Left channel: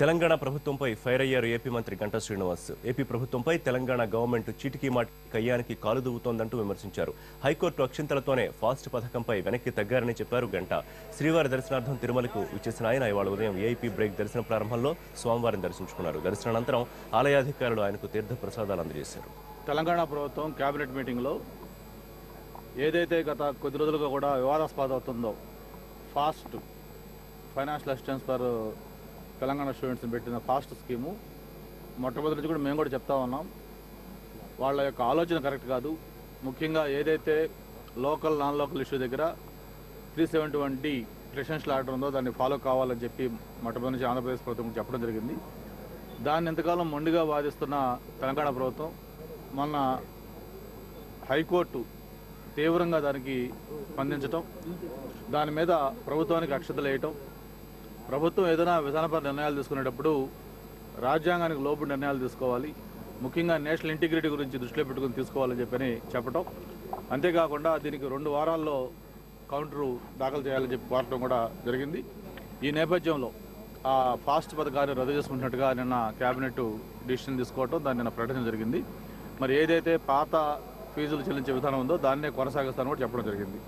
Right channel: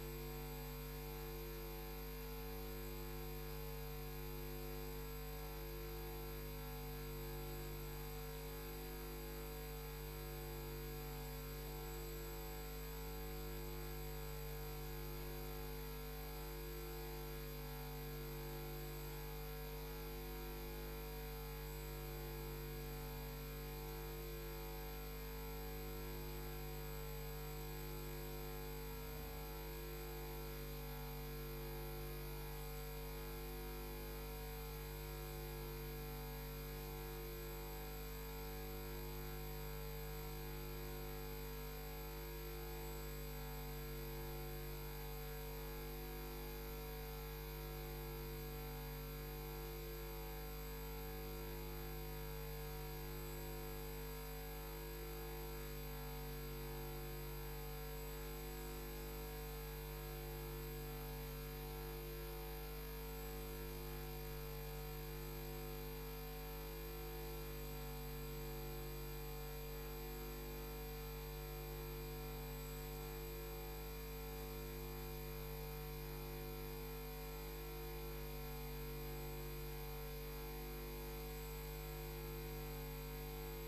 తెలంగాణ ప్రభుత్వంపై ఫైర్ అయ్యారు ఏపీ మంత్రి గంటా శ్రీనివాస్. ఏపీ ప్రభుత్వంపై తెలంగాణ గవర్నమెంట్ చీటికి మాటి కయ్యానికి కాలు దువ్వుతోందంటూ విమర్శించారు. హైకోర్టు అక్షింతలతోనే ఫాస్ట్ పథకంపై వెనక్కి తగ్గారని చెప్పారు గంటా. శ్రీవారి దర్శనార్థం తిరుమలకు విచ్చేసిన ఆయన ఇవాళ ఉదయం వీఐపీ బ్రేక్ దర్శన ప్రారంభంలో స్వామివారిని దర్శించుకున్నారు. దర్శనానంతరం ఆలయాధికారులు ఆయనకు తీర్థ ప్రసాదాలు అందజేశారు. తెలంగాణ ప్రభుత్వం కేబినెట్ మీటింగ్లో ఏదైతే గత కొద్ది రోజులుగా కూడా వివాదాస్పద అవుతుందో fast financial assistance for Telangana స్టూడెంట్స్ని పెట్టిన ఫాస్ట్ స్కీము మొట్టమొదటి నుంచి కూడా మేము కూడా చెప్తా ఉన్నాం. వాళ్ళ యొక్క ఆలోచన కరెక్ట్ కాదు. ముఖ్యంగా ఏదైతే లోకల్ నాన్ లోకల్ ఇష్యూ దగ్గర 371D ప్రెసిడెన్షియల్ ఆర్డర్ ఉందో దాన్ని ఫాలో కావాలని చెప్పి మొట్టమొదటి నుంచి ఆంధ్రప్రదేశ్ ప్రభుత్వం చెప్పడం జరిగింది. దాన్ని ఎంతకాలం మొండిగా వాదిస్తున్న తెలంగాణ ప్రభుత్వం మొన్న హైకోర్టు తీవ్రంగా దానికి స్పందించటం, దాని మీద ప్రభుత్వానికి అక్షతలు వేయటం, ప్రభుత్వం ఏదైనా విధానపర నిర్ణయాలు తీసుకునేటప్పుడు రాజ్యాంగానికి లోబడి నిర్ణయాలు తీసుకోవాలి, ముఖ్యంగా నేషనల్ ఇంటిగ్రిటీ గురించి దృష్టిలో పెట్టుకుని తీసుకోవాలని చెప్పని చెప్పడం, అంతేకాకుండా దీనికి 2 వారాల్లో కౌంటరు దాఖలు చేయాలని చెప్పి కోరటం కూడా జరిగింది. ఈ నేపథ్యంలో ఆ ఫాస్ట్ పథకాన్ని రద్దు చేసుకుంటున్నట్టుగా నిన్న కేబినెట్ డిసిషన్ తీసుకోవటం, దాన్ని నిన్న ప్రకటించడం జరిగింది. మరి ఏదైతే పాత ఫీజులు చెల్లించే విధానం ఉందో దాన్నే కొనసాగిస్తానని కూడా చెప్పడం జరిగింది.